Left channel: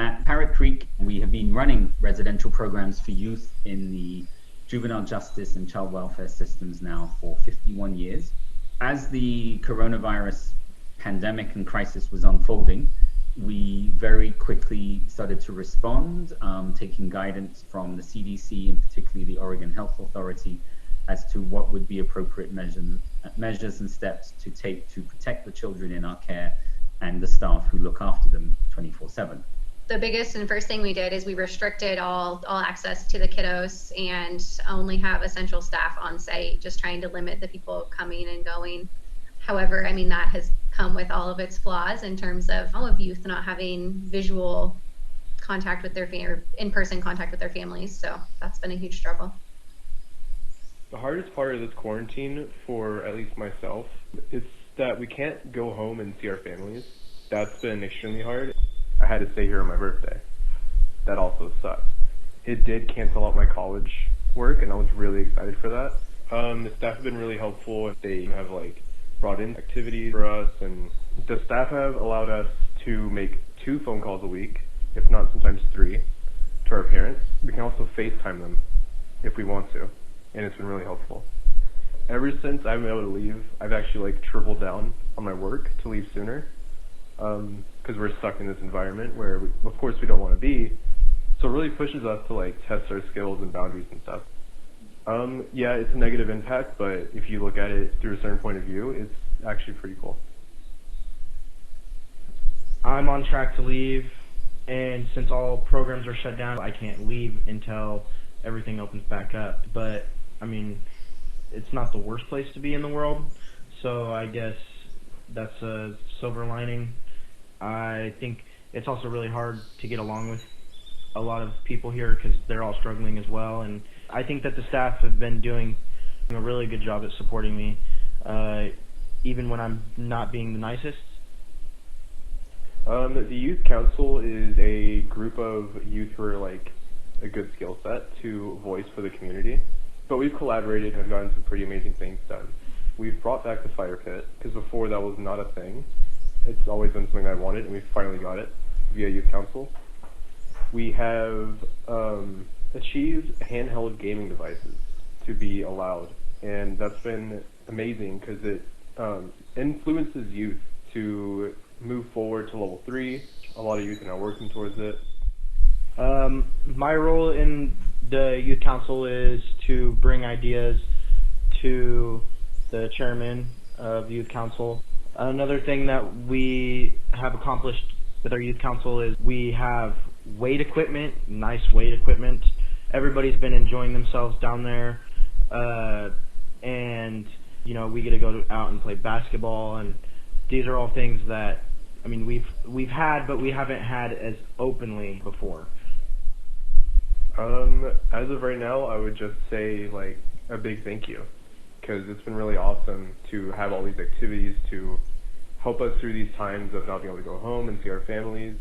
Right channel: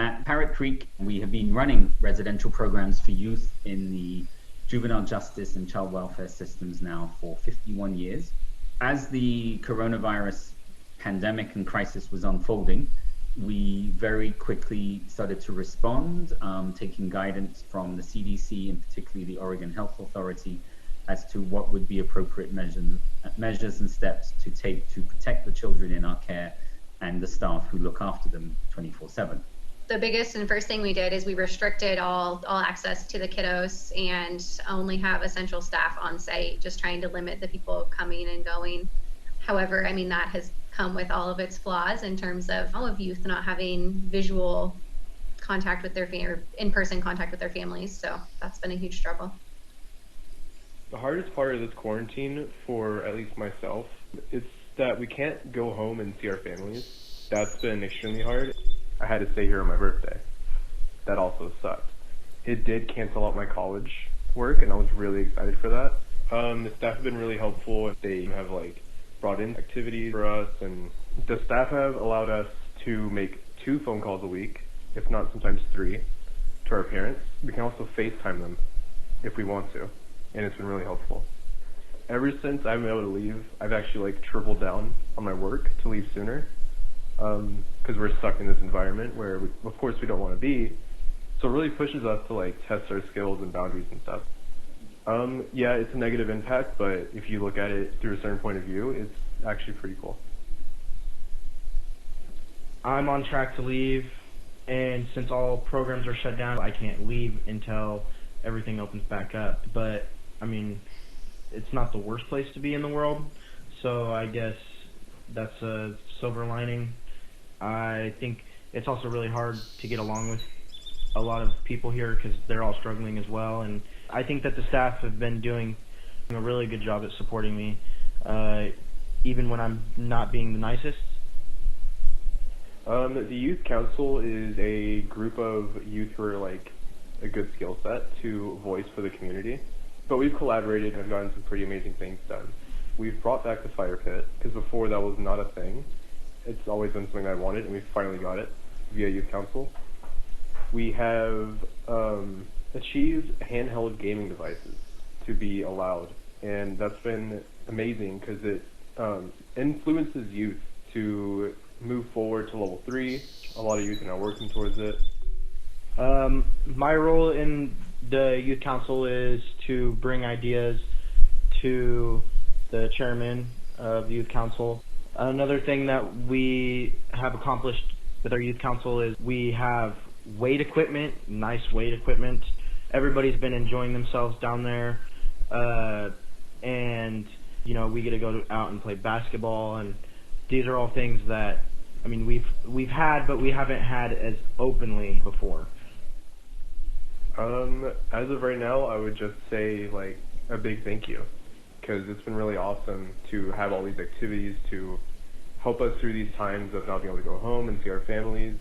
At Parrott Creek, we have been running residential programs for youth in the juvenile justice and child welfare systems now for 51 years. As the coronavirus pandemic and crisis was unfolding, we very quickly started to respond, taking guidance from the CDC and particularly the Oregon Health Authority as to what would be appropriate measures and steps to take to protect the children in our care and the staff who look after them 24/7. The biggest and first thing we did is we restricted all access to the kiddos and only have essential staff on site, just trying to limit the people coming and going. However, I mean, that has come with all of its flaws in terms of youth not having visual contact with their or in-person contact with their families. So that's been a huge struggle. The hardest part of this quarantine, for at least myself, it's that we can't go home and see our families. That's been extremely hard. I had to stay here on my birthday. That also sucked. It did cancel out my college work, and I was really excited for that. The staff have been really helpful. They have brought in activities for us, and the staff have allowed us to make 2 phone calls a week, if not sometimes 3, to our parents. We can also FaceTime them if we want to, and it's been really helpful. Ever since I've been able to leave, I've actually tripled down on my work to leave sooner, because we're stuck in this environment where, of course, we don't want to be. So it really pushes us to test our skills and boundaries and stuff. Yeah, it's a negative impact, but if you look at it through a certain point of view, it's actually pretty cool. I'm on track to leave, and since all programs are shut down, I can't leave until everything opens back up. But, I mean, it's not the worst place to be in the world, so I guess that's a silver lining. I think it's also really hard to get along with a lot of people here because they're all struggling as well, and I think that the staff have been doing a really good job at supporting me, even when I'm not being the nicest. The youth council is a group of youth who are a good skill set to voice for the community, but we've collaborated and gotten some pretty amazing things done. We've brought back the fire pit, because before that was not a thing. It's always been something I wanted, and we finally got it via youth council. We have achieved handheld gaming devices to be allowed, and that's been amazing because it influences youth to move forward to level 3. A lot of youth are now working towards it. My role in the youth council is to bring ideas to the chairman of the youth council. Another thing that we have accomplished with our youth council is we have weight equipment, nice weight equipment. Everybody's been enjoying themselves down there, and we get to go out and play basketball, and these are all things that we've had, but we haven't had as openly before. As of right now, I would just say a big thank you, because it's been really awesome to have all these activities to help us through these times of not being able to go home and see our families.